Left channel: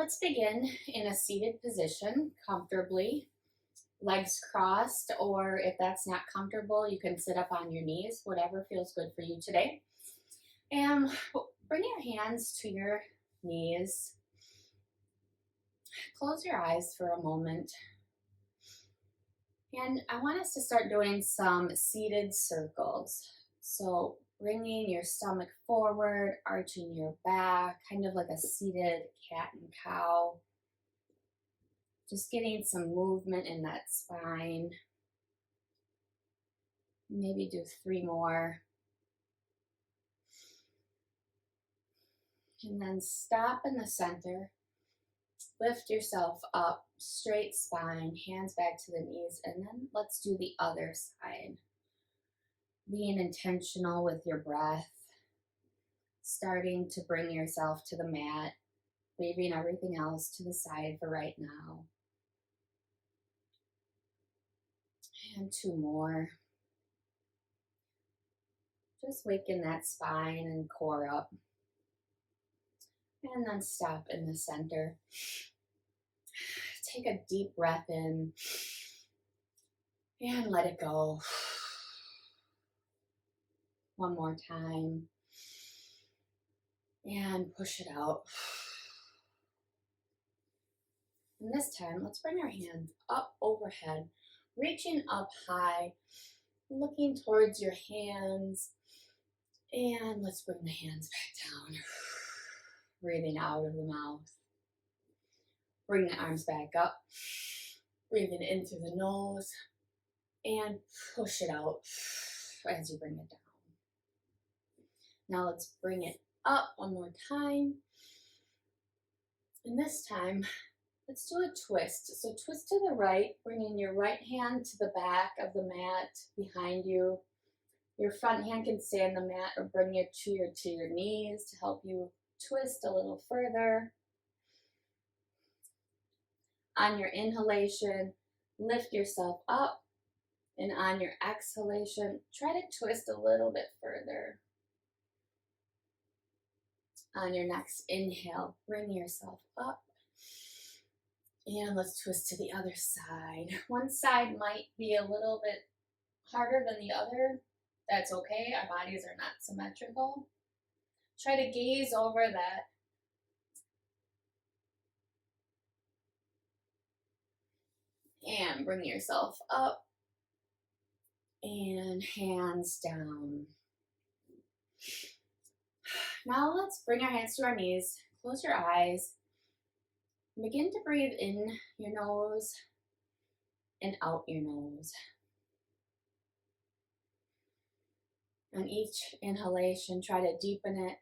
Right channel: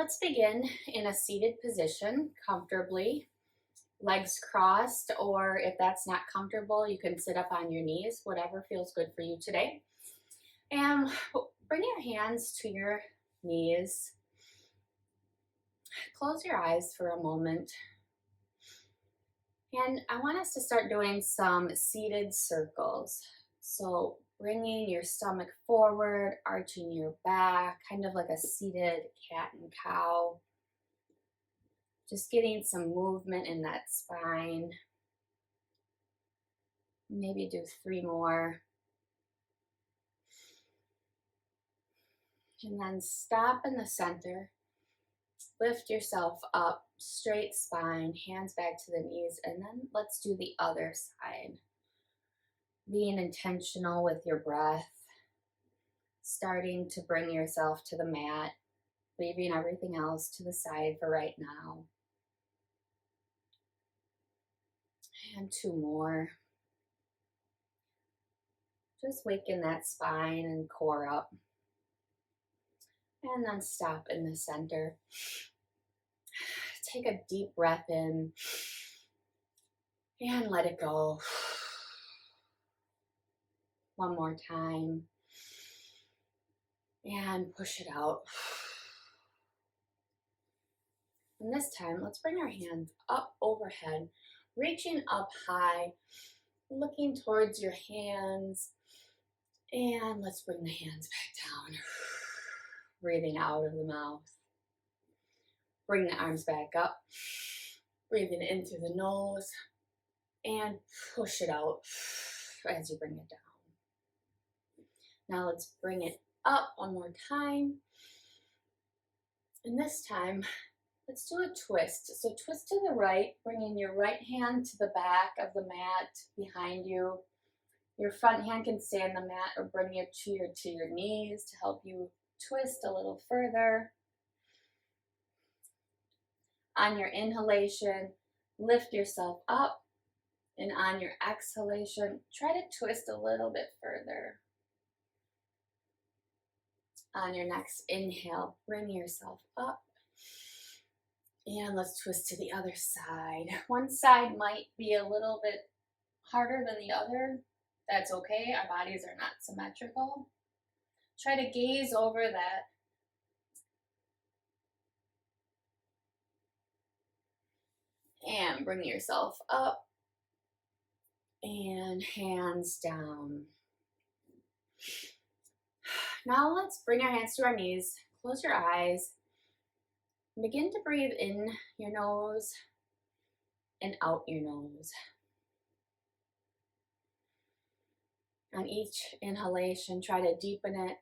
Let's begin in a seated position comfortably, legs crossed, or if that's not comfortable, you can sit up on your knees, whatever feels good for you today. And bring your hands to your knees. Close your eyes for a moment. And I want us to start doing some seated circles. So bringing your stomach forward, arching your back, kind of like a seated cat and cow. Just getting some movement in that spine. Maybe do 3 more. And then stop in the center. Lift yourself up, straight spine, hands back to the knees, and then let's do the other side. Being intentional with your breath, starting to bring yourself to the mat, leaving everything else to the side for right now. And 2 more. Just waken that spine and core up. And then stop in the center. Take a deep breath in and let it go. One more time. And push it out. And this time, let's bring our hands up overhead, reaching up high, looking towards your hands. And let's bring the hands back down. Breathing out of the mouth. Bring the arms back up. Breathing in through the nose. And push it out as you bring it down. Now let's bring it up one more time. And this time, let's do a twist. So twist to the right, bringing your right hand to the back of the mat behind you. Your front hand can stay on the mat or bring it to your knees to help you twist a little further. On your inhalation, lift yourself up. And on your exhalation, try to twist a little bit further. On your next inhale, bring yourself up. And let's twist to the other side. One side might be a little bit harder than the other. That's okay. Our bodies are not symmetrical. Try to gaze over that. And bring yourself up. And hands down. Now let's bring our hands to our knees. Close your eyes. Begin to breathe in your nose and out your nose. On each inhalation, try to deepen it.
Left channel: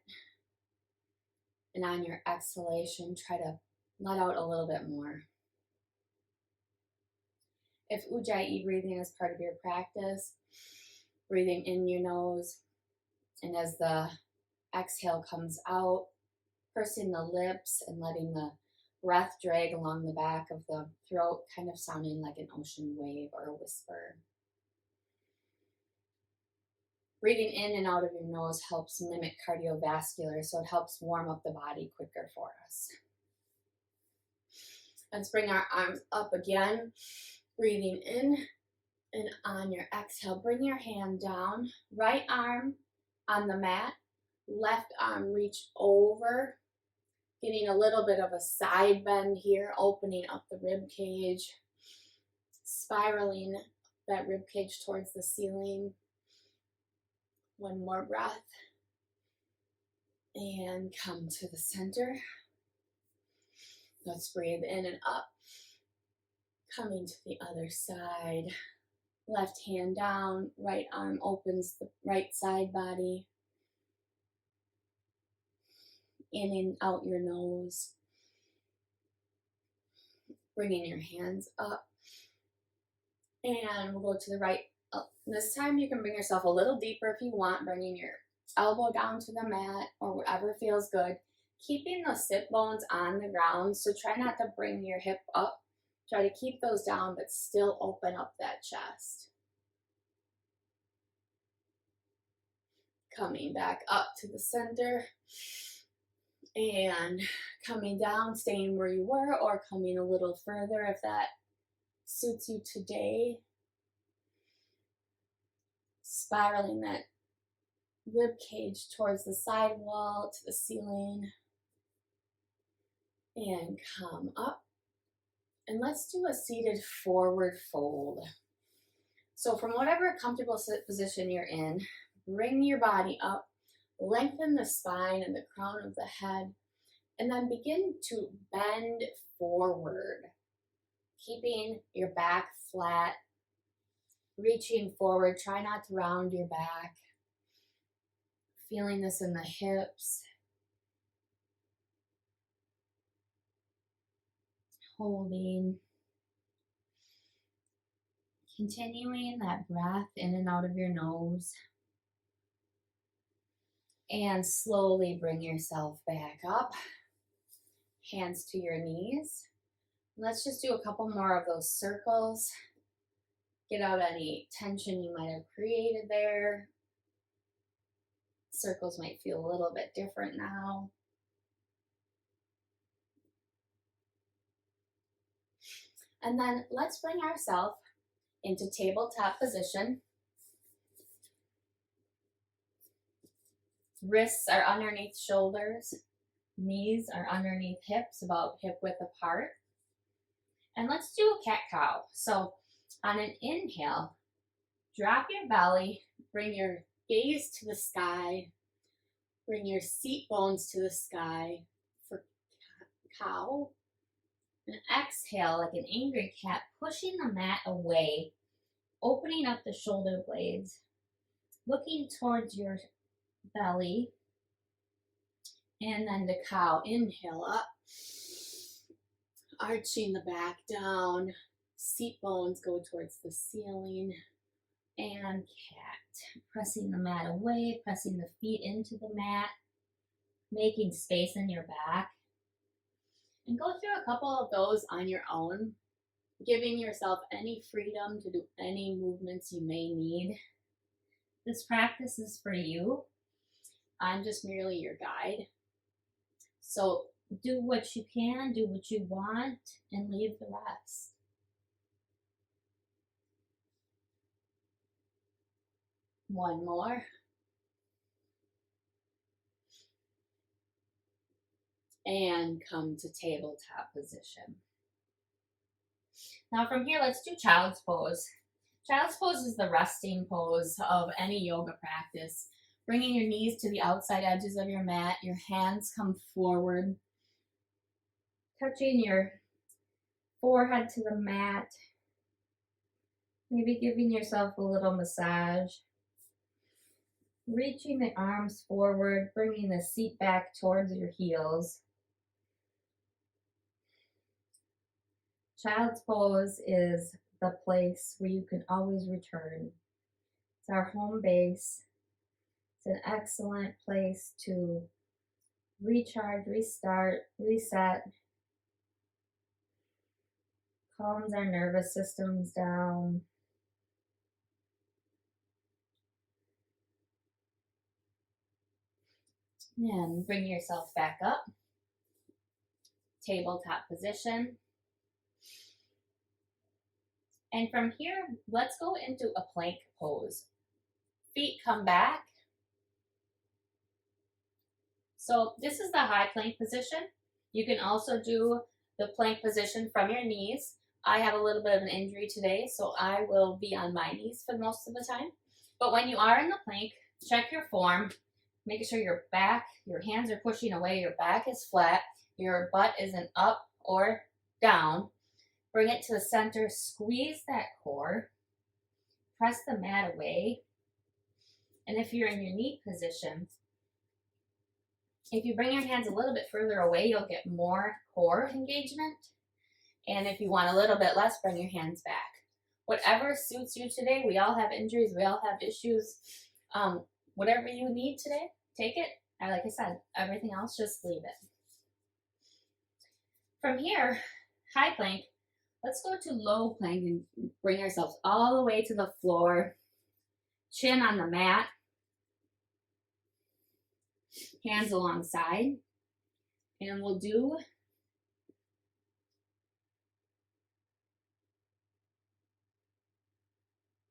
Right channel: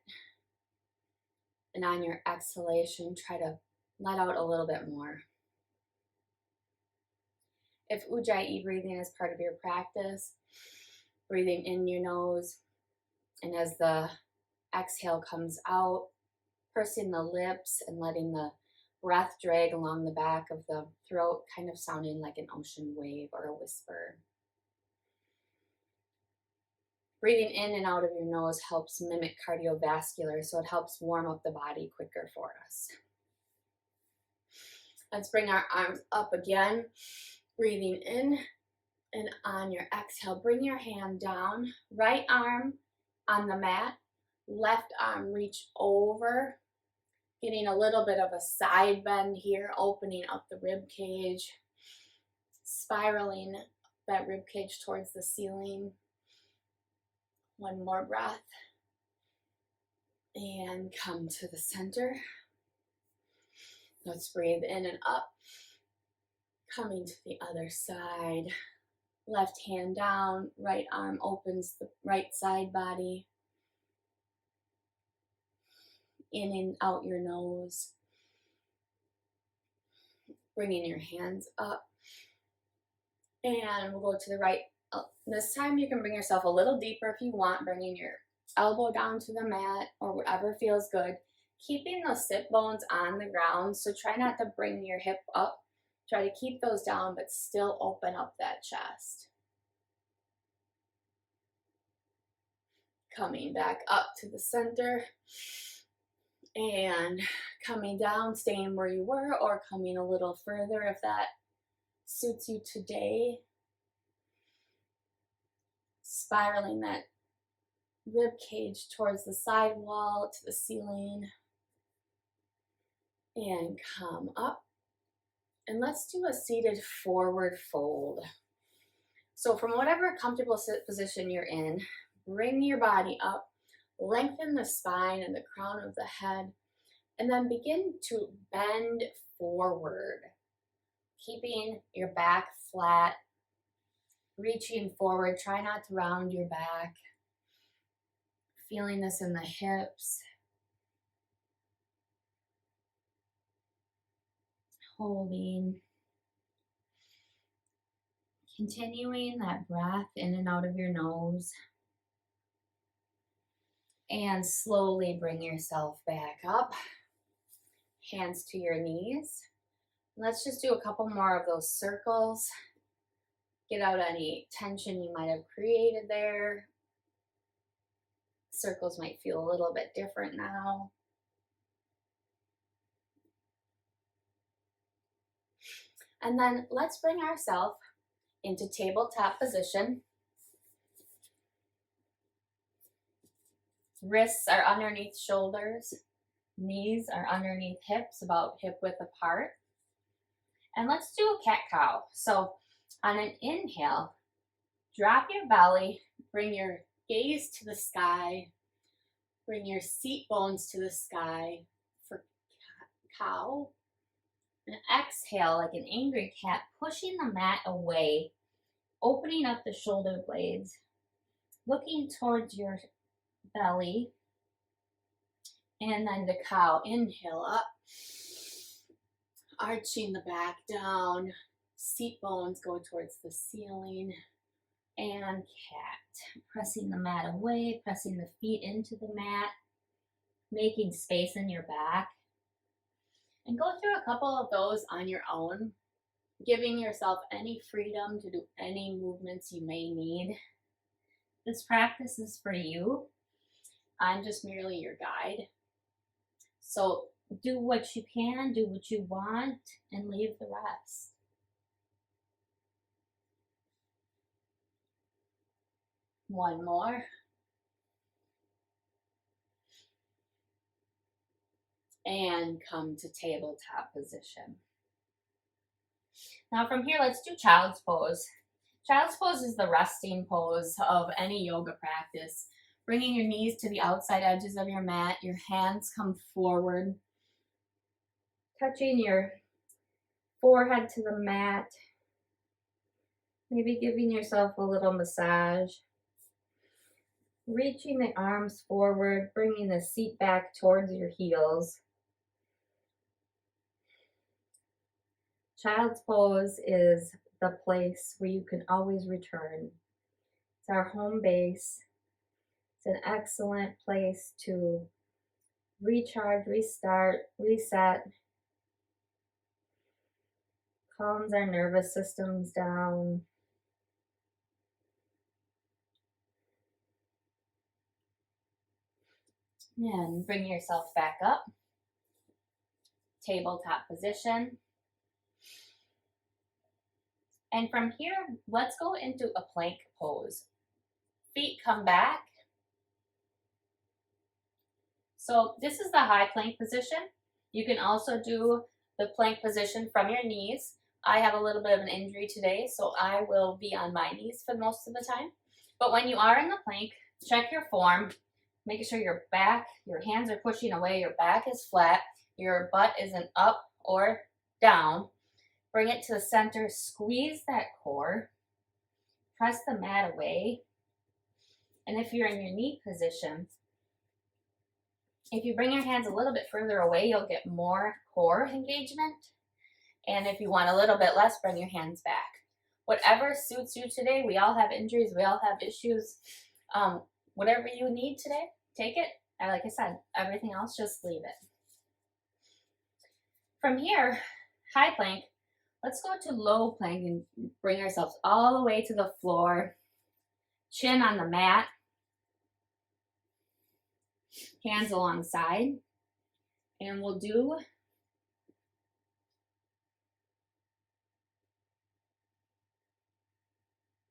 And on your exhalation, try to let out a little bit more. If Ujjayi breathing is part of your practice, breathing in your nose, and as the exhale comes out, pursing the lips and letting the breath drag along the back of the throat, kind of sounding like an ocean wave or a whisper. Breathing in and out of your nose helps mimic cardiovascular, so it helps warm up the body quicker for us. Let's bring our arms up again. Breathing in, and on your exhale, bring your hand down. Right arm on the mat, left arm reach over, getting a little bit of a side bend here, opening up the rib cage, spiraling that rib cage towards the ceiling. One more breath. And come to the center. Let's breathe in and up. Coming to the other side. Left hand down, right arm opens the right side body. In and out your nose. Bringing your hands up. And we'll go to the right. This time you can bring yourself a little deeper if you want, bringing your elbow down to the mat or whatever feels good. Keeping those sit bones on the ground, so try not to bring your hip up. Try to keep those down, but still open up that chest. Coming back up to the center. And coming down, staying where you were, or coming a little further if that suits you today. Spiraling that rib cage towards the side wall, to the ceiling. And come up. And let's do a seated forward fold. So from whatever comfortable position you're in, bring your body up, lengthen the spine and the crown of the head, and then begin to bend forward, keeping your back flat, reaching forward. Try not to round your back. Feeling this in the hips. Holding. Continuing that breath in and out of your nose. And slowly bring yourself back up. Hands to your knees. Let's just do a couple more of those circles. Get out any tension you might have created there. Circles might feel a little bit different now. And then let's bring ourselves into tabletop position. Wrists are underneath shoulders. Knees are underneath hips, about hip width apart. And let's do a cat-cow. So on an inhale, drop your belly, bring your gaze to the sky, bring your seat bones to the sky for cow. And exhale like an angry cat, pushing the mat away, opening up the shoulder blades, looking towards your belly, and then the cow. Inhale up, arching the back down, seat bones go towards the ceiling, and cat. Pressing the mat away, pressing the feet into the mat, making space in your back. And go through a couple of those on your own, giving yourself any freedom to do any movements you may need. This practice is for you. I'm just merely your guide. So do what you can, do what you want, and leave the rest. One more. And come to tabletop position. Now from here, let's do child's pose. Child's pose is the resting pose of any yoga practice. Bringing your knees to the outside edges of your mat, your hands come forward, touching your forehead to the mat, maybe giving yourself a little massage. Reaching the arms forward, bringing the seat back towards your heels. Child's pose is the place where you can always return. It's our home base. It's an excellent place to recharge, restart, reset. Calms our nervous systems down. And bring yourself back up. Tabletop position. And from here, let's go into a plank pose. Feet come back. So this is the high plank position. You can also do the plank position from your knees. I have a little bit of an injury today, so I will be on my knees for most of the time. But when you are in the plank, check your form. Make sure your back, your hands are pushing away, your back is flat, your butt isn't up or down. Bring it to the center, squeeze that core, press the mat away. And if you're in your knee position, if you bring your hands a little bit further away, you'll get more core engagement. And if you want a little bit less, bring your hands back. Whatever suits you today. We all have injuries, we all have issues. Whatever you need today, take it. And like I said, everything else, just leave it. From here, high plank, let's go to low plank and bring ourselves all the way to the floor. Chin on the mat. Hands alongside. And we'll do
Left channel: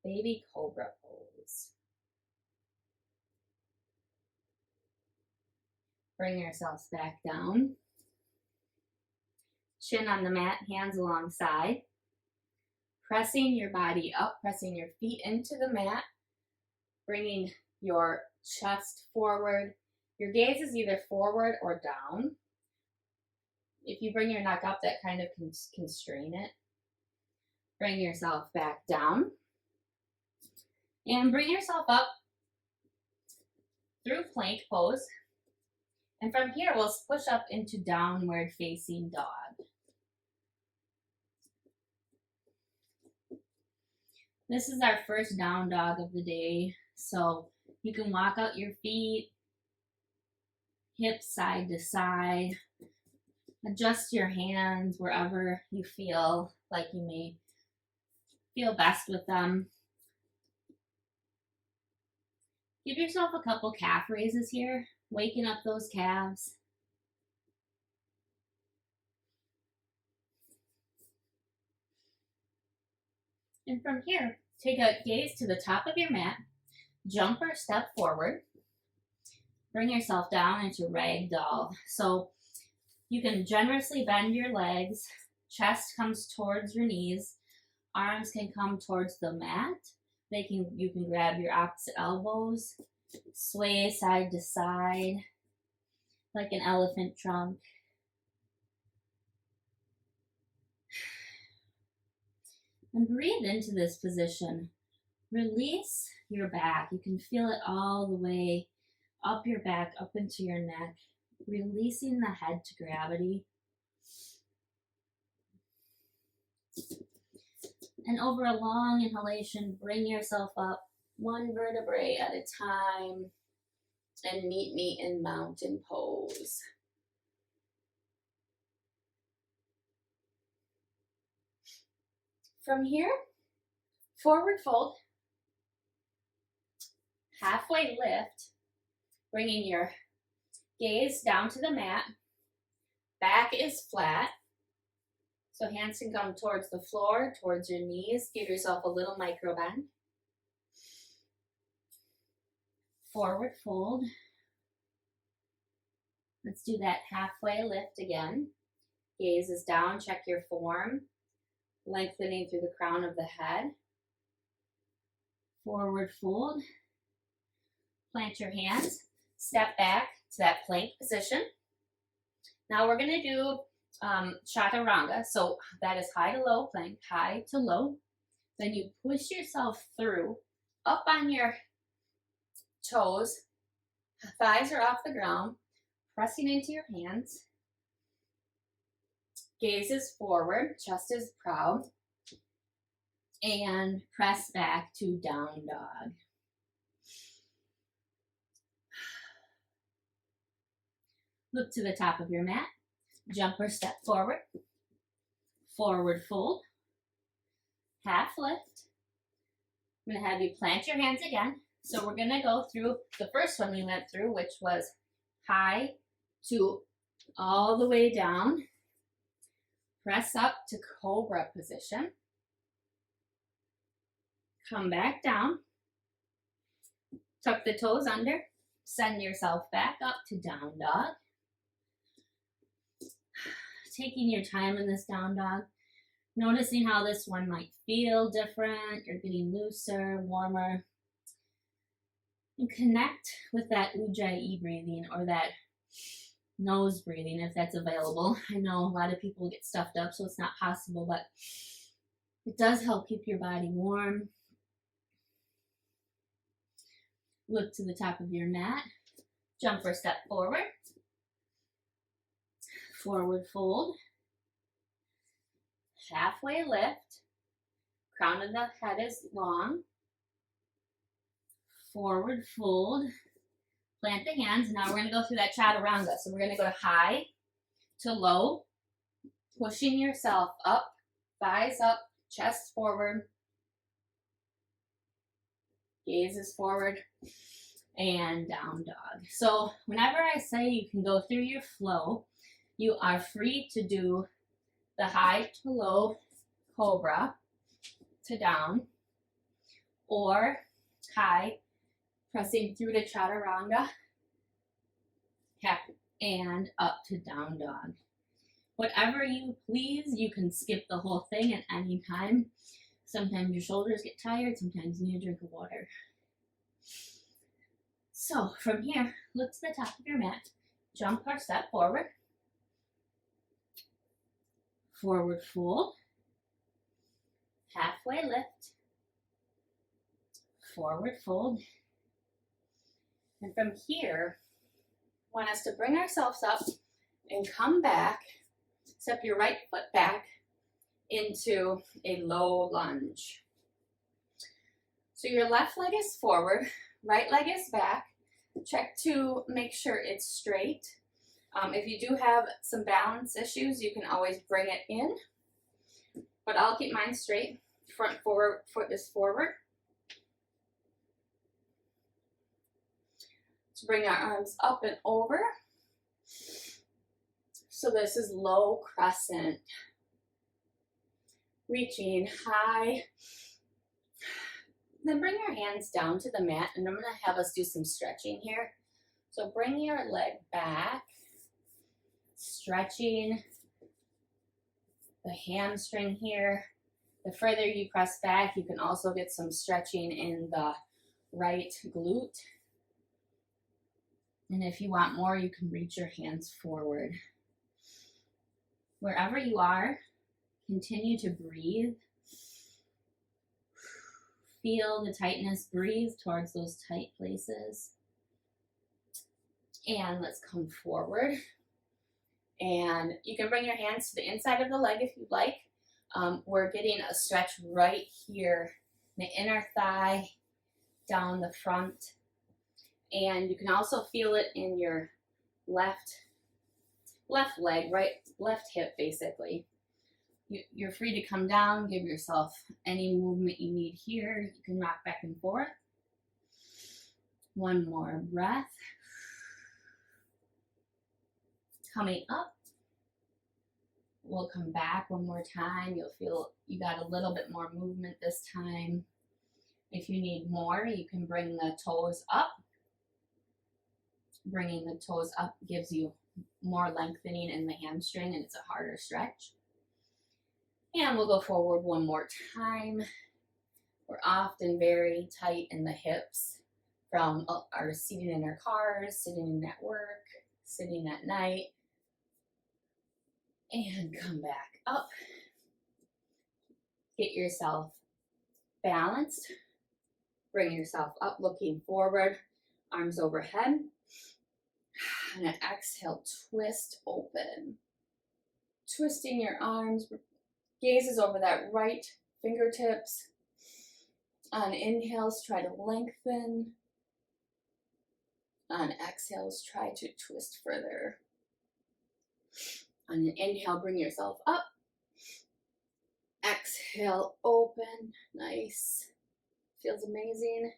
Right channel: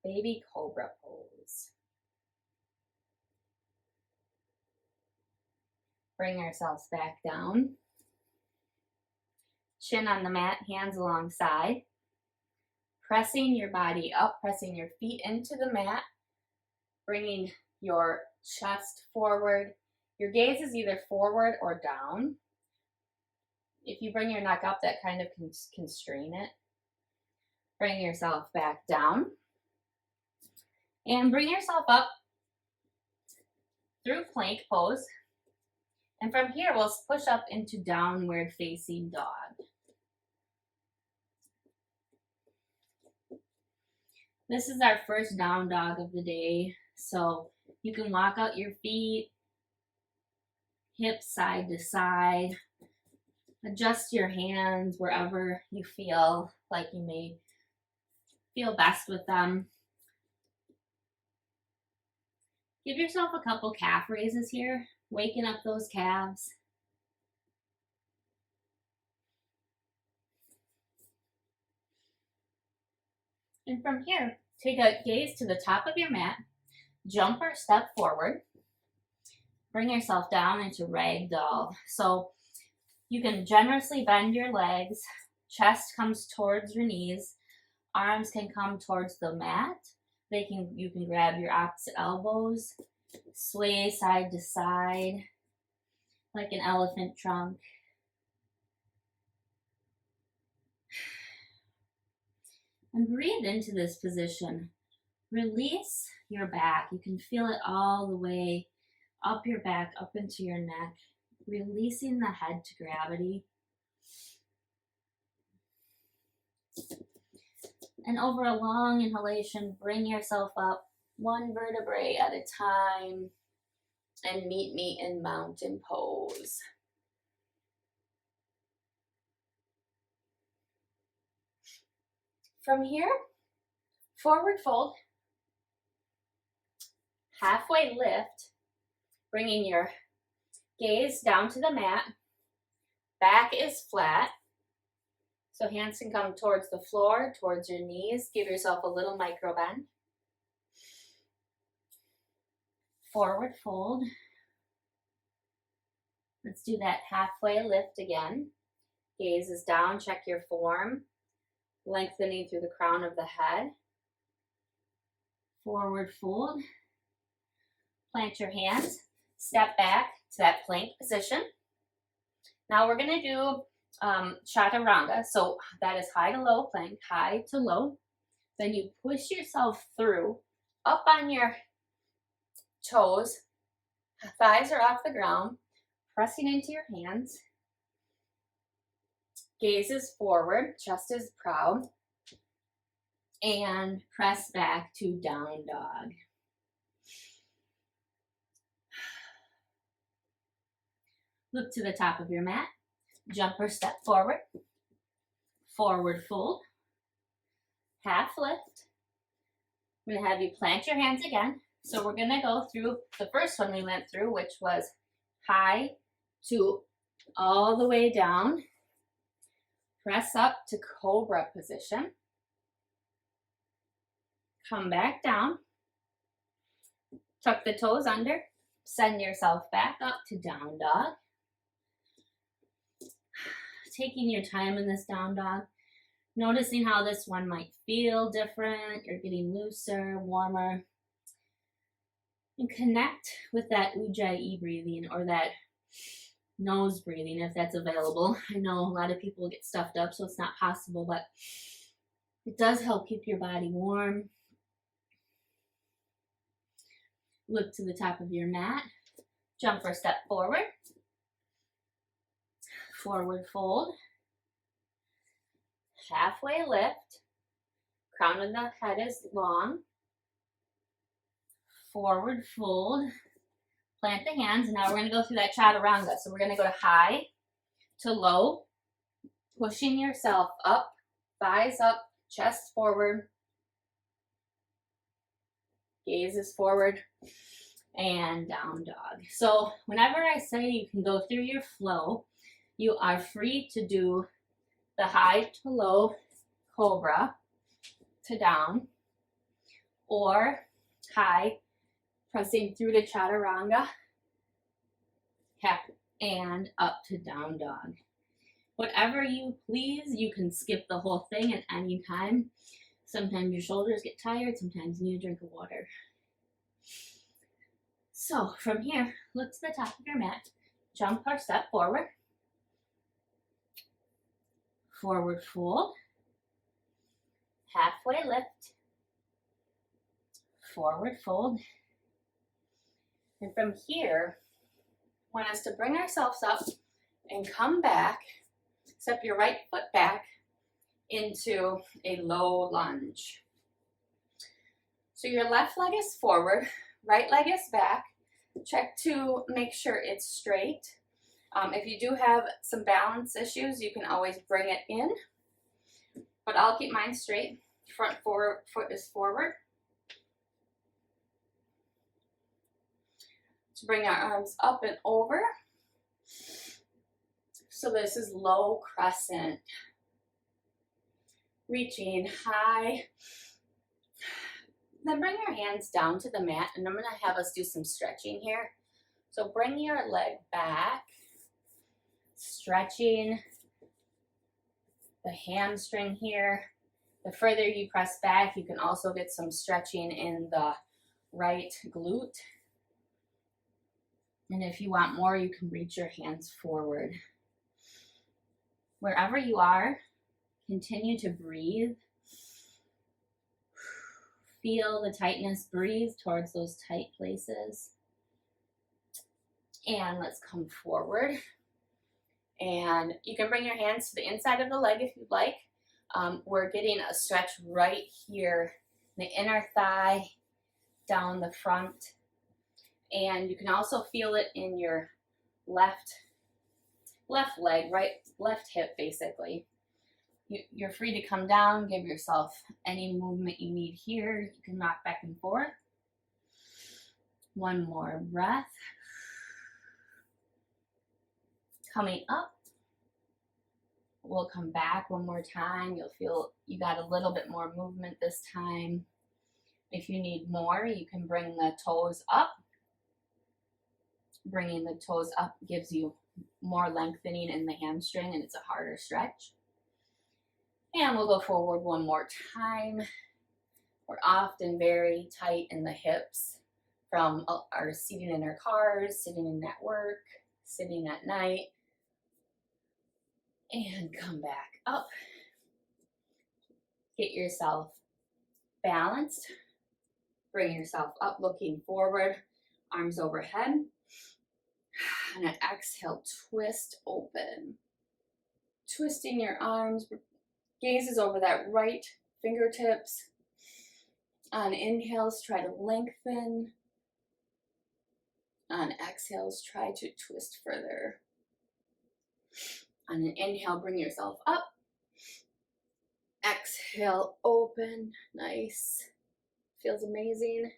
baby cobra pose. Bring ourselves back down. Chin on the mat, hands alongside. Pressing your body up, pressing your feet into the mat. Bringing your chest forward. Your gaze is either forward or down. If you bring your neck up, that kind of can constrain it. Bring yourself back down. And bring yourself up through plank pose. And from here, we'll push up into downward facing dog. This is our first down dog of the day. So you can walk out your feet, hips side to side. Adjust your hands wherever you feel like you may feel best with them. Give yourself a couple calf raises here, waking up those calves. And from here, take a gaze to the top of your mat, jump or step forward, bring yourself down into ragdoll. So you can generously bend your legs, chest comes towards your knees, arms can come towards the mat. You can grab your opposite elbows, sway side to side like an elephant trunk. And breathe into this position. Release your back. You can feel it all the way up your back, up into your neck, releasing the head to gravity. And over a long inhalation, bring yourself up one vertebrae at a time and meet me in mountain pose. From here, forward fold, halfway lift, bringing your gaze down to the mat. Back is flat. So hands can come towards the floor, towards your knees. Give yourself a little micro bend. Forward fold. Let's do that halfway lift again. Gaze is down, check your form. Lengthening through the crown of the head. Forward fold. Plant your hands. Step back to that plank position. Now we're going to do chaturanga. So that is high to low plank, high to low. Then you push yourself through, up on your toes. Thighs are off the ground. Pressing into your hands. Gaze is forward, chest is proud. And press back to down dog. Look to the top of your mat. Jump or step forward. Forward fold. Half lift. I'm going to have you plant your hands again. So we're going to go through the first one we went through, which was high to all the way down. Press up to cobra position. Come back down. Tuck the toes under. Send yourself back up to down dog. Taking your time in this down dog. Noticing how this one might feel different. You're getting looser, warmer. And connect with that ujjayi breathing or that nose breathing if that's available. I know a lot of people get stuffed up, so it's not possible, but it does help keep your body warm. Look to the top of your mat. Jump or step forward. Forward fold. Halfway lift. Crown of the head is long. Forward fold. Plant the hands. And now we're going to go through that chaturanga. So we're going to go to high to low. Pushing yourself up. Thighs up. Chest forward. Gaze is forward. And down dog. So whenever I say you can go through your flow, You are free to do the high to low cobra to down, or high, pressing through to chaturanga, and up to down dog. Whatever you please, you can skip the whole thing at any time. Sometimes your shoulders get tired, sometimes you need a drink of water. So from here, look to the top of your mat, jump or step forward, forward fold, halfway lift, forward fold. And from here, I want us to bring ourselves up and come back, step your right foot back into a low lunge. So your left leg is forward, right leg is back. Check to make sure it's straight. If you do have some balance issues, you can always bring it in, but I'll keep mine straight. Front foot is forward. So bring our arms up and over. So this is low crescent. Reaching high. Then bring your hands down to the mat, and I'm going to have us do some stretching here. So bring your leg back, stretching the hamstring here. The further you press back, you can also get some stretching in the right glute. And if you want more, you can reach your hands forward. Wherever you are, continue to breathe. Feel the tightness, breathe towards those tight places. And let's come forward. And you can bring your hands to the inside of the leg if you'd like. We're getting a stretch right here, the inner thigh, down the front. And you can also feel it in your left leg, left hip basically. You're free to come down, give yourself any movement you need here. You can rock back and forth. One more breath. Coming up. We'll come back one more time. You'll feel you got a little bit more movement this time. If you need more, you can bring the toes up. Bringing the toes up gives you more lengthening in the hamstring, and it's a harder stretch. And we'll go forward one more time. We're often very tight in the hips from our sitting in our cars, sitting at work, sitting at night. And come back up. Get yourself balanced. Bring yourself up, looking forward, arms overhead. And an exhale, twist open. Twisting your arms, gazes over that right fingertips. On inhales, try to lengthen. On exhales, try to twist further. On an inhale, bring yourself up. Exhale, open. Nice. Feels amazing.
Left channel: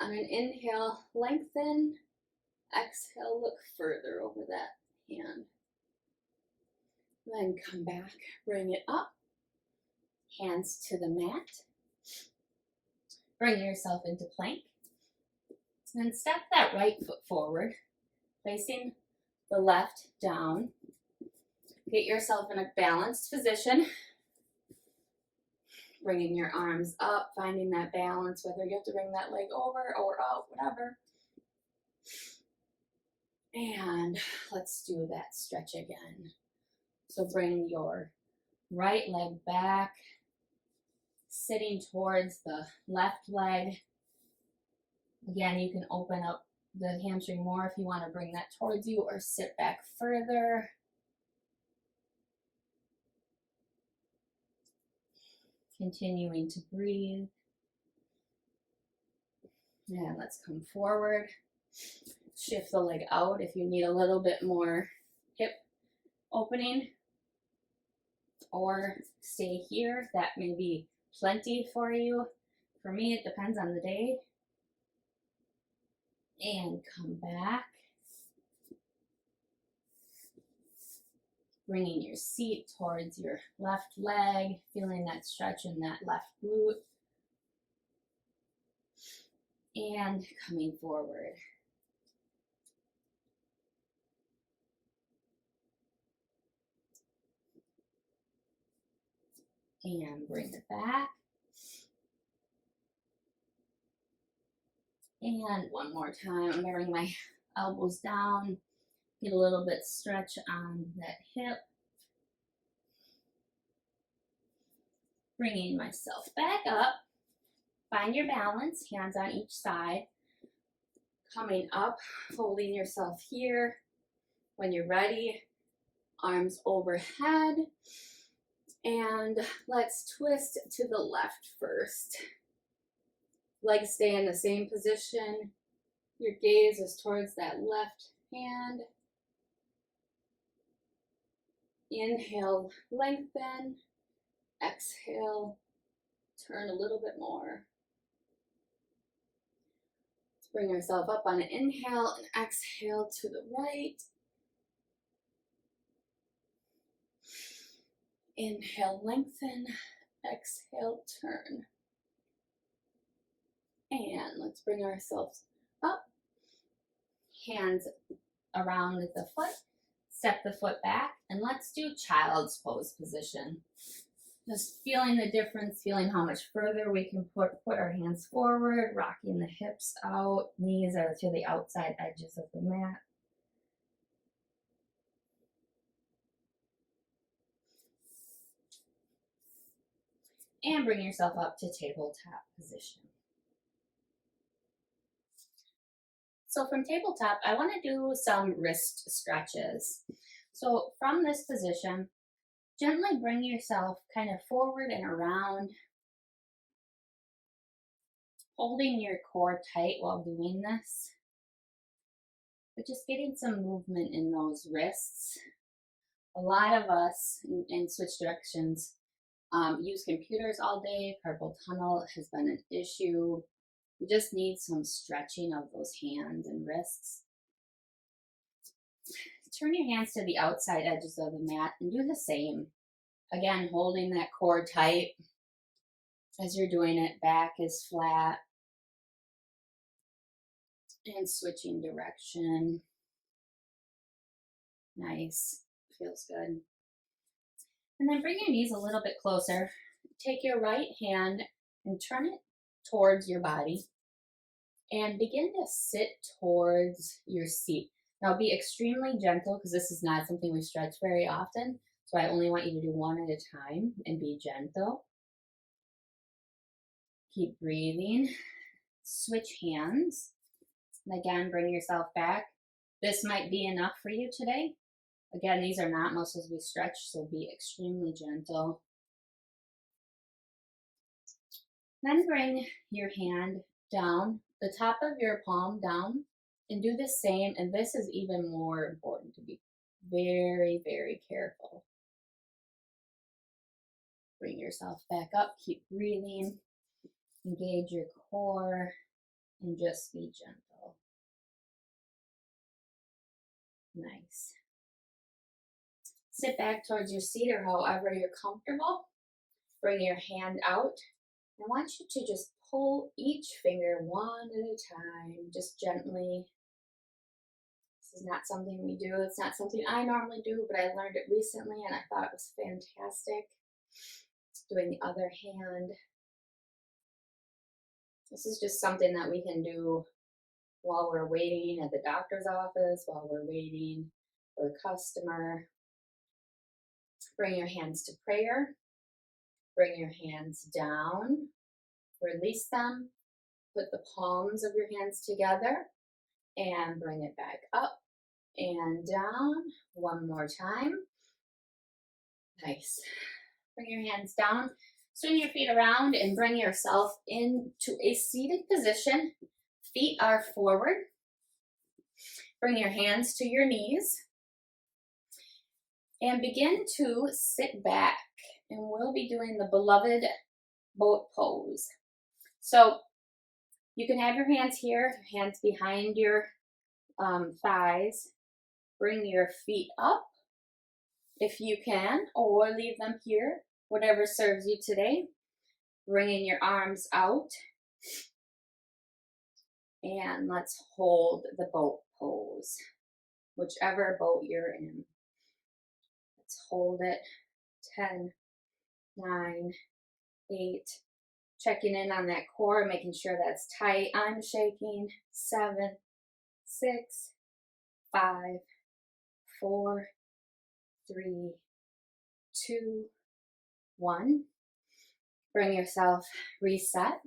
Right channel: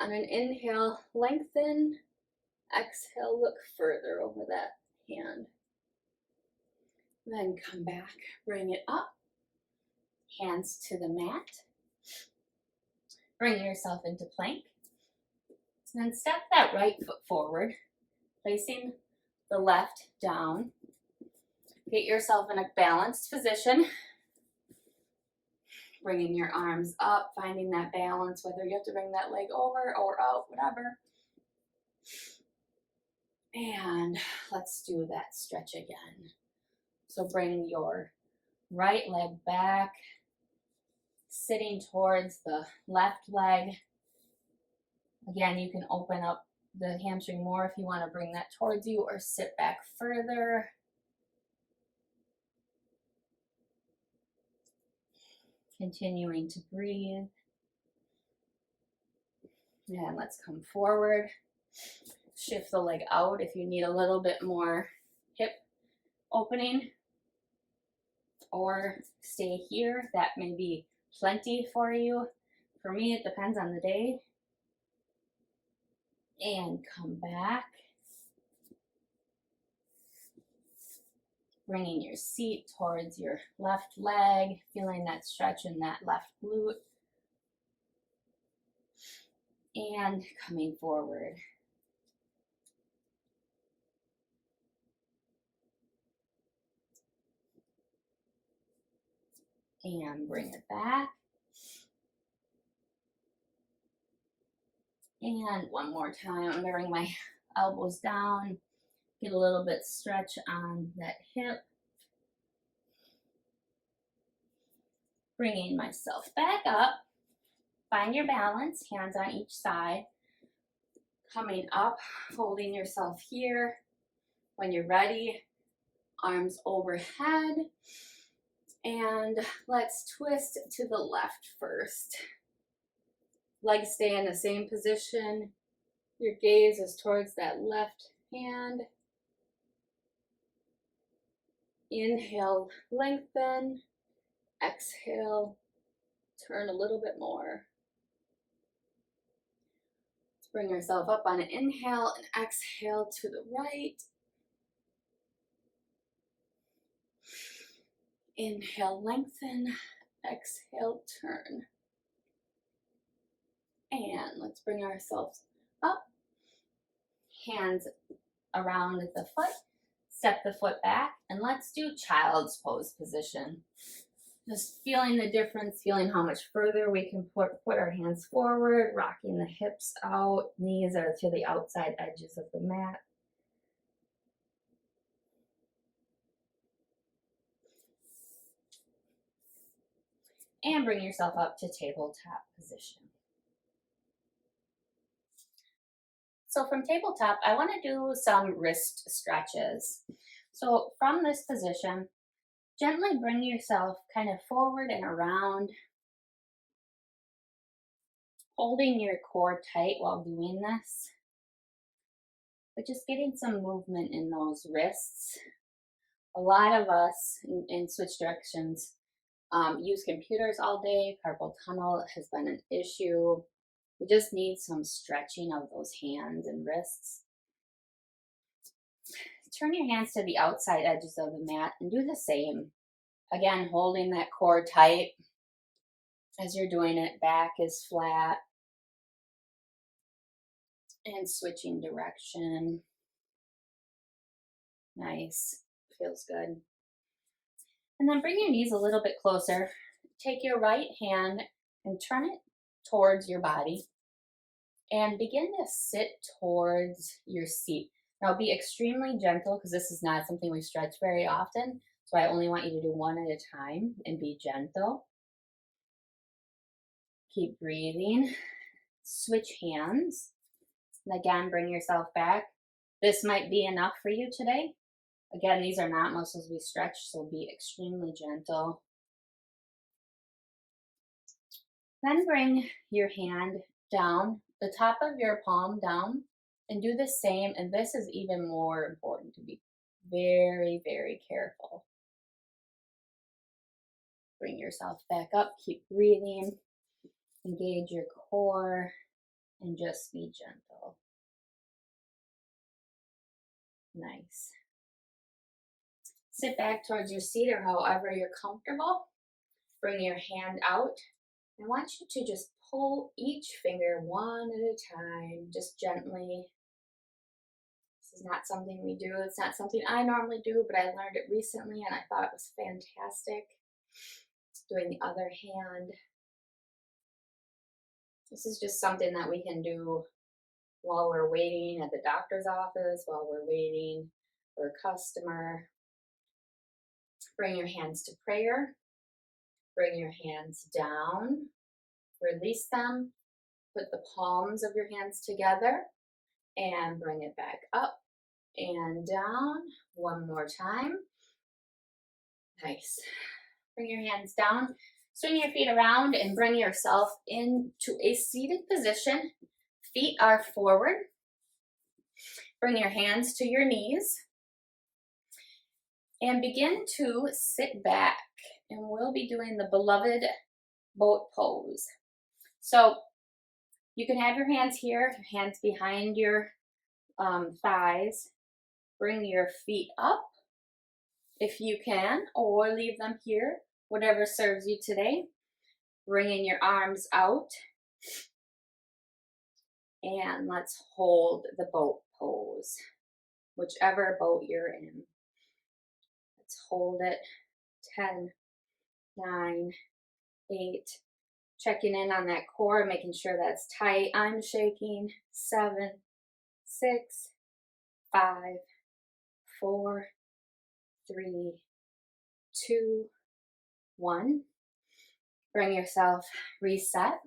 On an inhale, lengthen. Exhale, look further over that hand. Then come back, bring it up. Hands to the mat. Bring yourself into plank. Then step that right foot forward, placing the left down. Get yourself in a balanced position. Bringing your arms up, finding that balance, whether you have to bring that leg over or out, whatever. And let's do that stretch again. So bring your right leg back, sitting towards the left leg. Again, you can open up the hamstring more if you want to bring that towards you, or sit back further. Continuing to breathe. And let's come forward. Shift the leg out if you need a little bit more hip opening, or stay here. That may be plenty for you. For me, it depends on the day. And come back. Bringing your seat towards your left leg, feeling that stretch in that left glute. And coming forward. And bring it back. And one more time, I'm gonna bring my elbows down, get a little bit stretch on that hip. Bringing myself back up. Find your balance, hands on each side. Coming up, holding yourself here. When you're ready, arms overhead. And let's twist to the left first. Legs stay in the same position. Your gaze is towards that left hand. Inhale, lengthen. Exhale, turn a little bit more. Let's bring ourselves up on an inhale and exhale to the right. Inhale, lengthen. Exhale, turn. And let's bring ourselves up. Hands around the foot. Step the foot back, and let's do child's pose position. Just feeling the difference, feeling how much further we can put our hands forward, rocking the hips out, knees are to the outside edges of the mat. And bring yourself up to tabletop position. So from tabletop, I want to do some wrist stretches. So from this position, gently bring yourself kind of forward and around, holding your core tight while doing this, but just getting some movement in those wrists. A lot of us, in switch directions, use computers all day. Carpal tunnel has been an issue. We just need some stretching of those hands and wrists. Turn your hands to the outside edges of the mat and do the same. Again, holding that core tight as you're doing it. Back is flat. And switching direction. Nice. Feels good. And then bring your knees a little bit closer. Take your right hand and turn it towards your body. And begin to sit towards your seat. Now be extremely gentle because this is not something we stretch very often. So I only want you to do one at a time and be gentle. Keep breathing. Switch hands. And again, bring yourself back. This might be enough for you today. Again, these are not muscles we stretch, so be extremely gentle. Then bring your hand down, the top of your palm down, and do the same. And this is even more important to be very, very careful. Bring yourself back up, keep breathing, engage your core, and just be gentle. Nice. Sit back towards your seat or however you're comfortable. Bring your hand out. I want you to just pull each finger one at a time, just gently. This is not something we do. It's not something I normally do, but I learned it recently and I thought it was fantastic. Doing the other hand. This is just something that we can do while we're waiting at the doctor's office, while we're waiting for a customer. Bring your hands to prayer. Bring your hands down. Release them. Put the palms of your hands together and bring it back up and down. One more time. Nice. Bring your hands down. Swing your feet around and bring yourself into a seated position. Feet are forward. Bring your hands to your knees. And begin to sit back. And we'll be doing the beloved boat pose. So you can have your hands here, hands behind your thighs. Bring your feet up. if you can, or leave them here, whatever serves you today. Bringing your arms out, and let's hold the boat pose, whichever boat you're in. Let's hold it. 10, 9, 8. Checking in on that core, making sure that's tight. I'm shaking. 7, 6, 5, 4, 3, 2, 1. Bring yourself reset.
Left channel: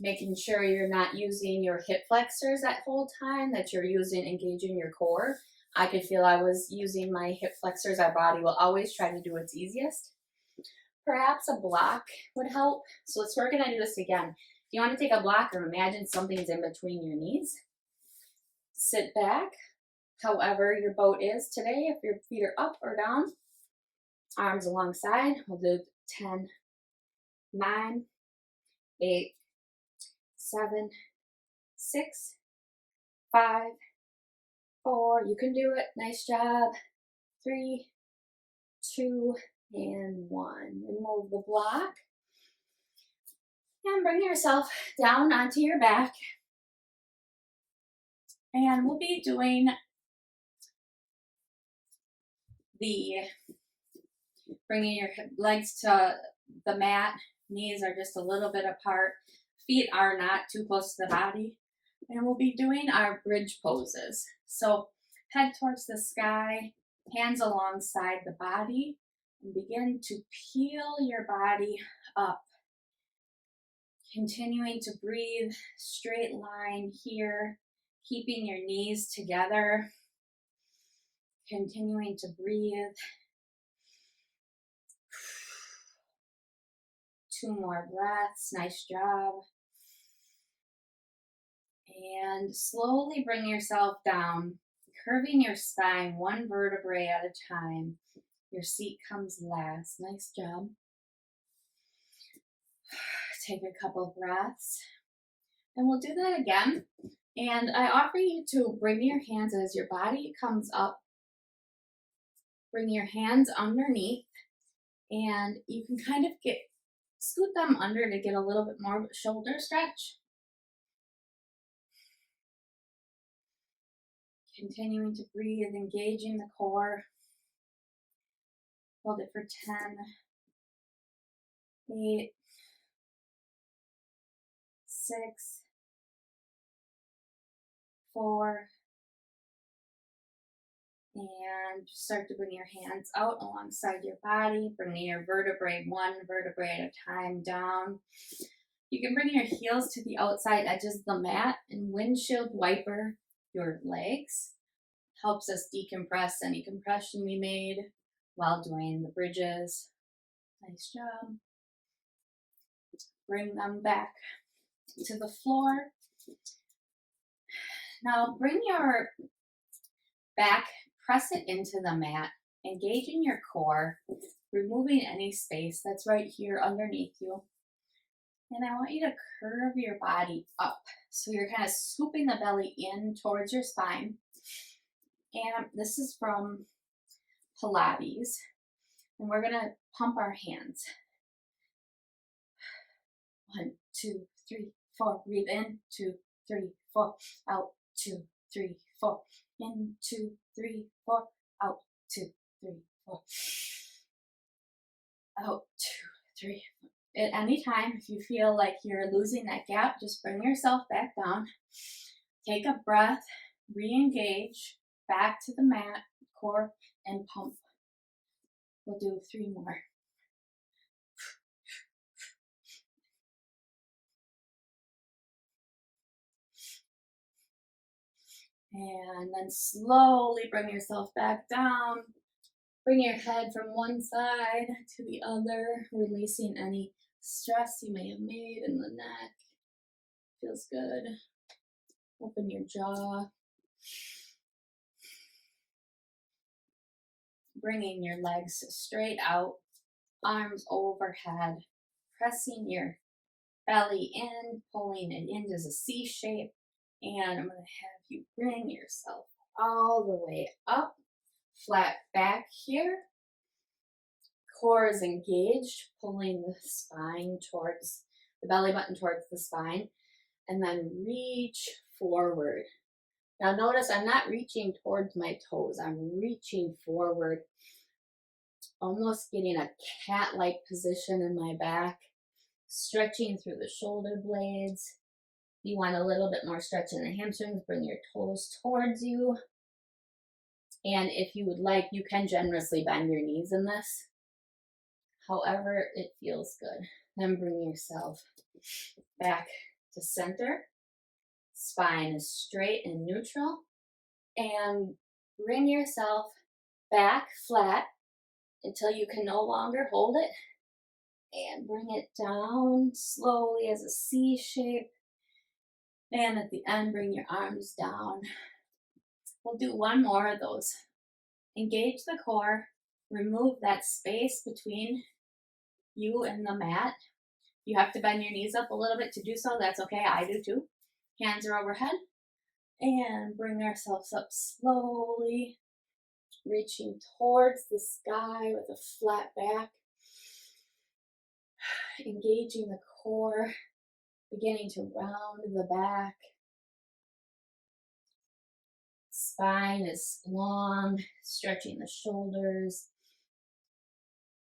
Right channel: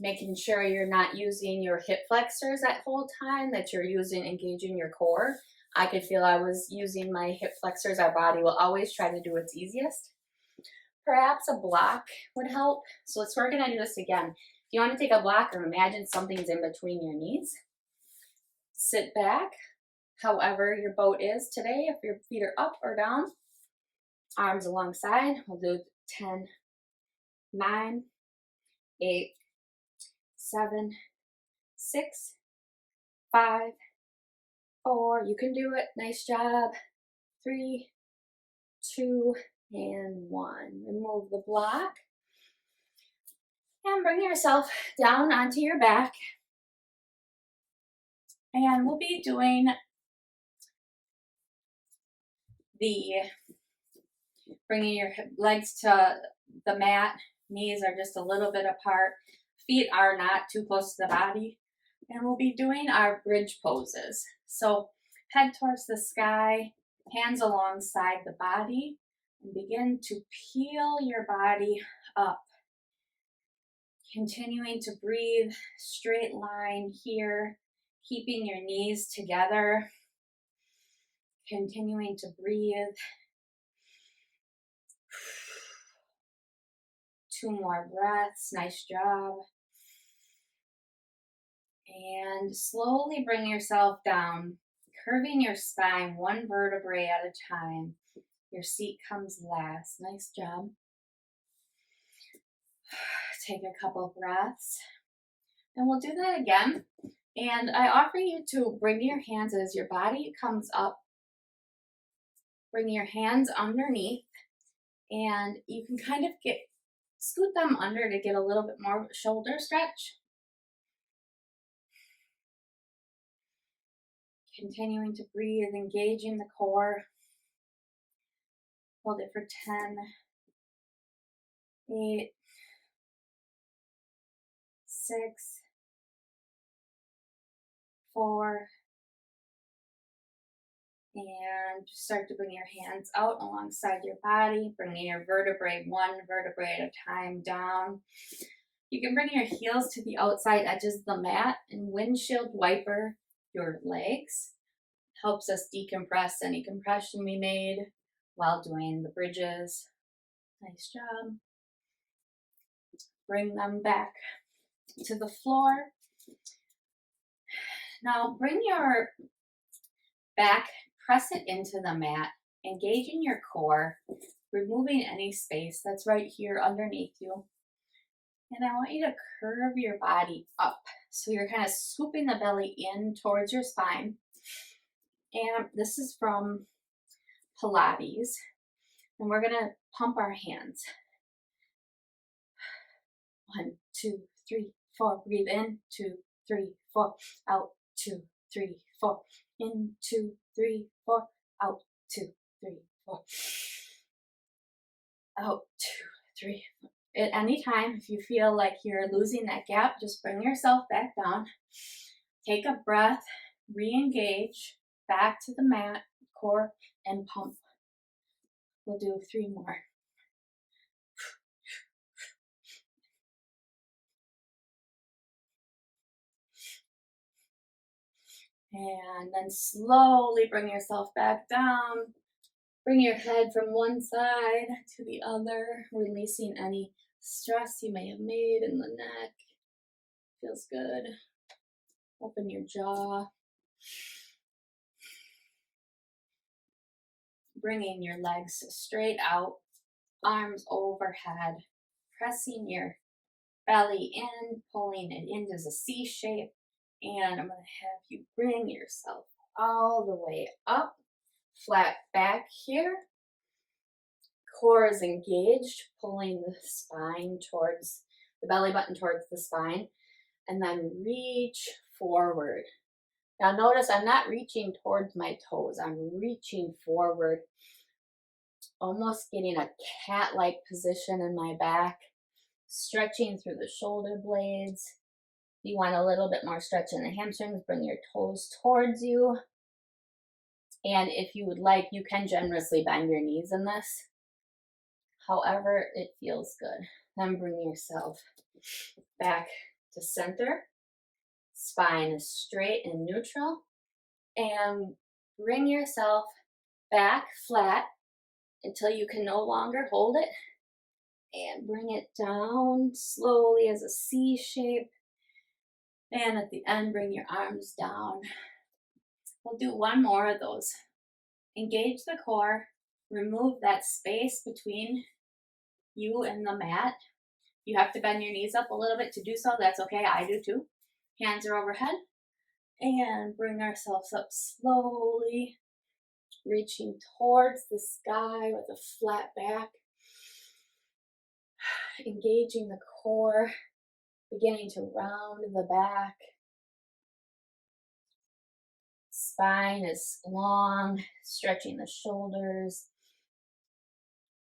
Making sure you're not using your hip flexors that whole time, that you're engaging your core. I could feel I was using my hip flexors. Our body will always try to do its easiest. Perhaps a block would help. So we're going to do this again. If you want to take a block or imagine something's in between your knees, sit back, however your boat is today. If your feet are up or down, arms alongside. We'll do 10, 9, 8, 7, 6, 5, 4. You can do it. Nice job. 3, 2, and 1. Remove the block. And bring yourself down onto your back. And we'll be doing bringing your legs to the mat. Knees are just a little bit apart. Feet are not too close to the body. And we'll be doing our bridge poses. So head towards the sky, hands alongside the body, and begin to peel your body up. Continuing to breathe, straight line here, keeping your knees together. Continuing to breathe. 2 more breaths. Nice job. And slowly bring yourself down, curving your spine 1 vertebrae at a time. Your seat comes last. Nice job. Take a couple breaths. And we'll do that again. And I offer you to bring your hands as your body comes up. Bring your hands underneath. And you can kind of scoot them under to get a little bit more shoulder stretch. Continuing to breathe, engaging the core. Hold it for 10, 8, 6, 4, and start to bring your hands out alongside your body, bringing your vertebrae 1 vertebrae at a time down. You can bring your heels to the outside edges of the mat and windshield wiper your legs. Helps us decompress any compression we made while doing the bridges. Nice job. Bring them back to the floor. Now bring your back, press it into the mat, engaging your core, removing any space that's right here underneath you. And I want you to curve your body up. So you're kind of scooping the belly in towards your spine. And this is from Pilates. And we're going to pump our hands. 1, 2, 3, 4. Breathe in. 2, 3, 4. Out. 2, 3, 4. In. 2, 3, 4. Out. 2, 3, 4. Out. 2, 3, 4. At any time, if you feel like you're losing that gap, just bring yourself back down. Take a breath. Re-engage. Back to the mat, core, and pump. We'll do 3 more. And then slowly bring yourself back down. Bring your head from one side to the other, releasing any stress you may have made in the neck. Feels good. Open your jaw. Bringing your legs straight out, arms overhead, pressing your belly in, pulling it into a C shape. And I'm going to have you bring yourself all the way up Flat back here. Core is engaged, pulling the spine towards the belly button towards the spine, and then reach forward. Now notice I'm not reaching towards my toes, I'm reaching forward, almost getting a cat-like position in my back, stretching through the shoulder blades. If you want a little bit more stretch in the hamstrings, bring your toes towards you. And if you would like, you can generously bend your knees in this. However, it feels good. Then bring yourself back to center. Spine is straight and neutral. And bring yourself back flat until you can no longer hold it. And bring it down slowly as a C shape. And at the end, bring your arms down. We'll do one more of those. Engage the core. Remove that space between you and the mat. You have to bend your knees up a little bit to do so. That's okay. I do too. Hands are overhead. And bring ourselves up slowly, reaching towards the sky with a flat back. Engaging the core, beginning to round the back. Spine is long, stretching the shoulders,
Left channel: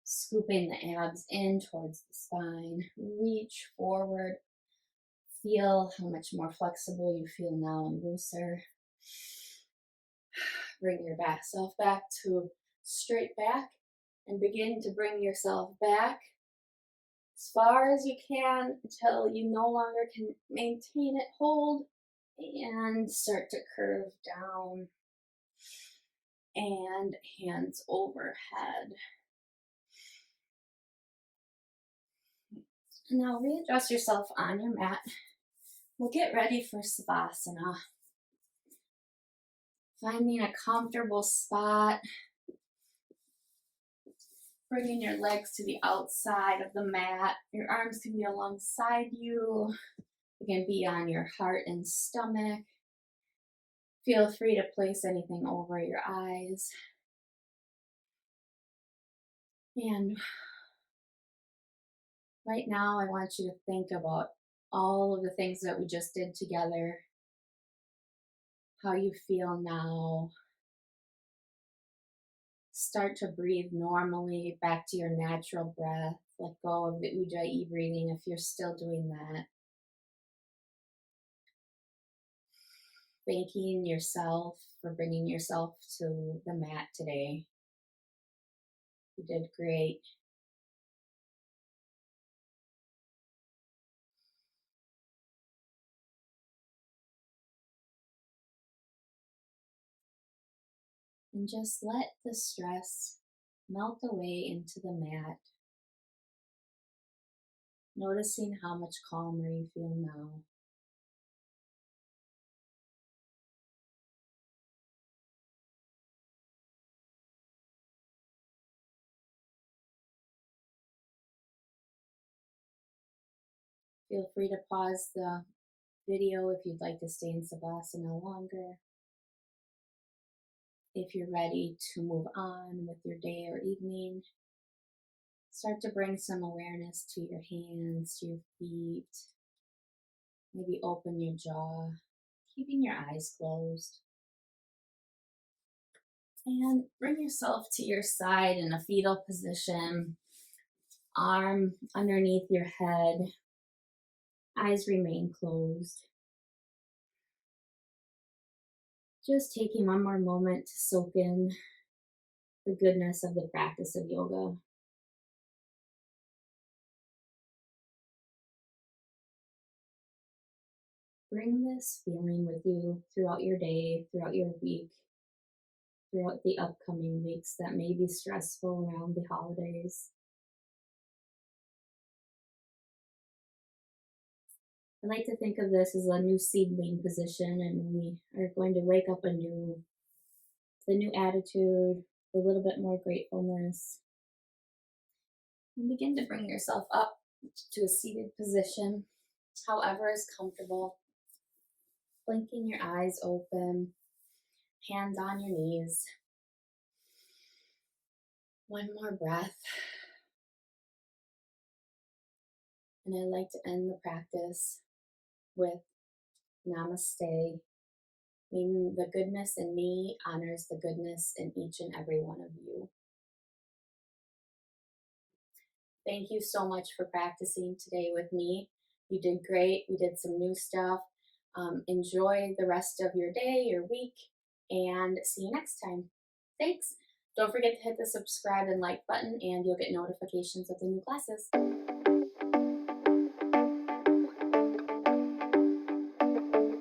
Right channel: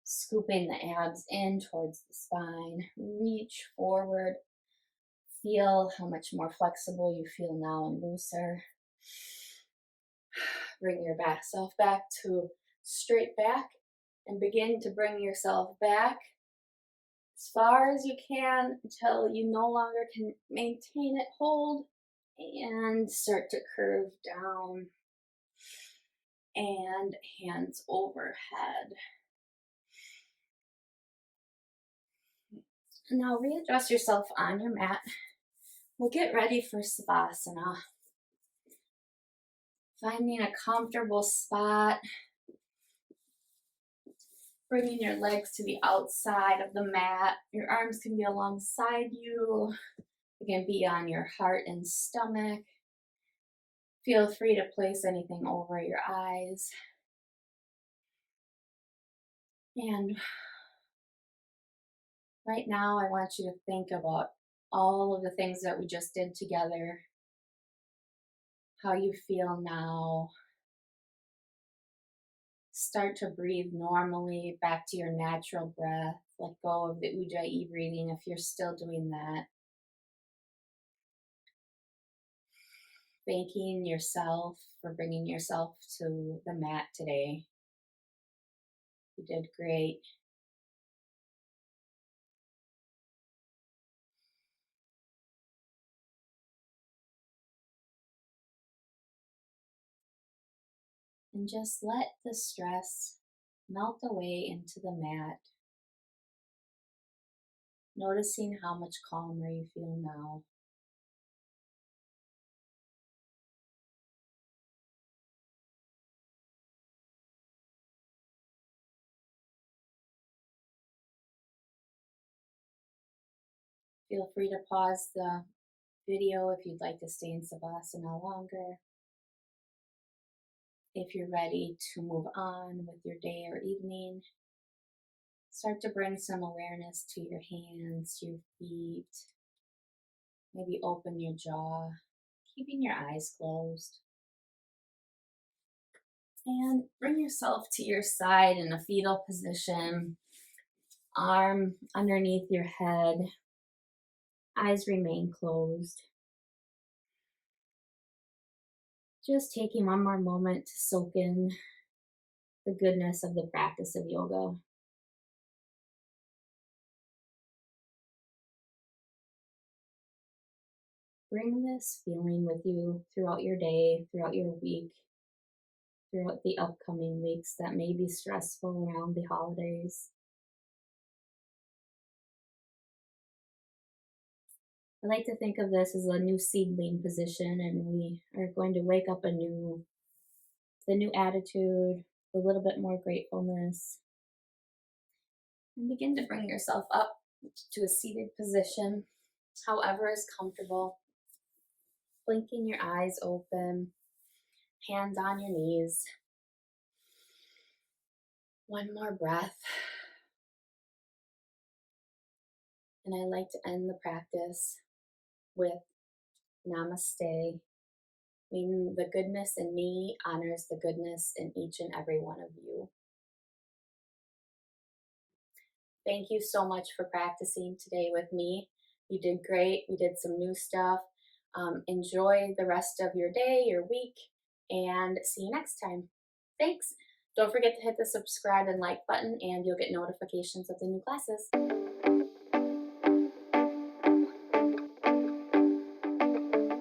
scooping the abs in towards the spine. Reach forward. Feel how much more flexible you feel now and looser. Bring your self back to straight back and begin to bring yourself back as far as you can until you no longer can maintain it. Hold and start to curve down and hands overhead. Now readjust yourself on your mat. We'll get ready for Savasana. Finding a comfortable spot. Bringing your legs to the outside of the mat. Your arms can be alongside you. It can be on your heart and stomach. Feel free to place anything over your eyes. And right now, I want you to think about all of the things that we just did together. How you feel now. Start to breathe normally back to your natural breath. Let go of the Ujjayi breathing if you're still doing that. Thanking yourself for bringing yourself to the mat today. You did great. And just let the stress melt away into the mat. Noticing how much calmer you feel now. Feel free to pause the video if you'd like to stay in Savasana longer. If you're ready to move on with your day or evening, start to bring some awareness to your hands, your feet. Maybe open your jaw, keeping your eyes closed. And bring yourself to your side in a fetal position. Arm underneath your head. Eyes remain closed. Just taking one more moment to soak in the goodness of the practice of yoga. Bring this feeling with you throughout your day, throughout your week, throughout the upcoming weeks that may be stressful around the holidays. I like to think of this as a new seedling position, and we are going to wake up the new attitude, a little bit more gratefulness, and begin to bring yourself up to a seated position, however is comfortable. Blinking your eyes open, hands on your knees. One more breath. And I like to end the practice with namaste, meaning the goodness in me honors the goodness in each and every one of you. Thank you so much for practicing today with me. You did great. We did some new stuff. Enjoy the rest of your day, your week, and see you next time. Thanks. Don't forget to hit the subscribe and like button, and you'll get notifications of the new classes.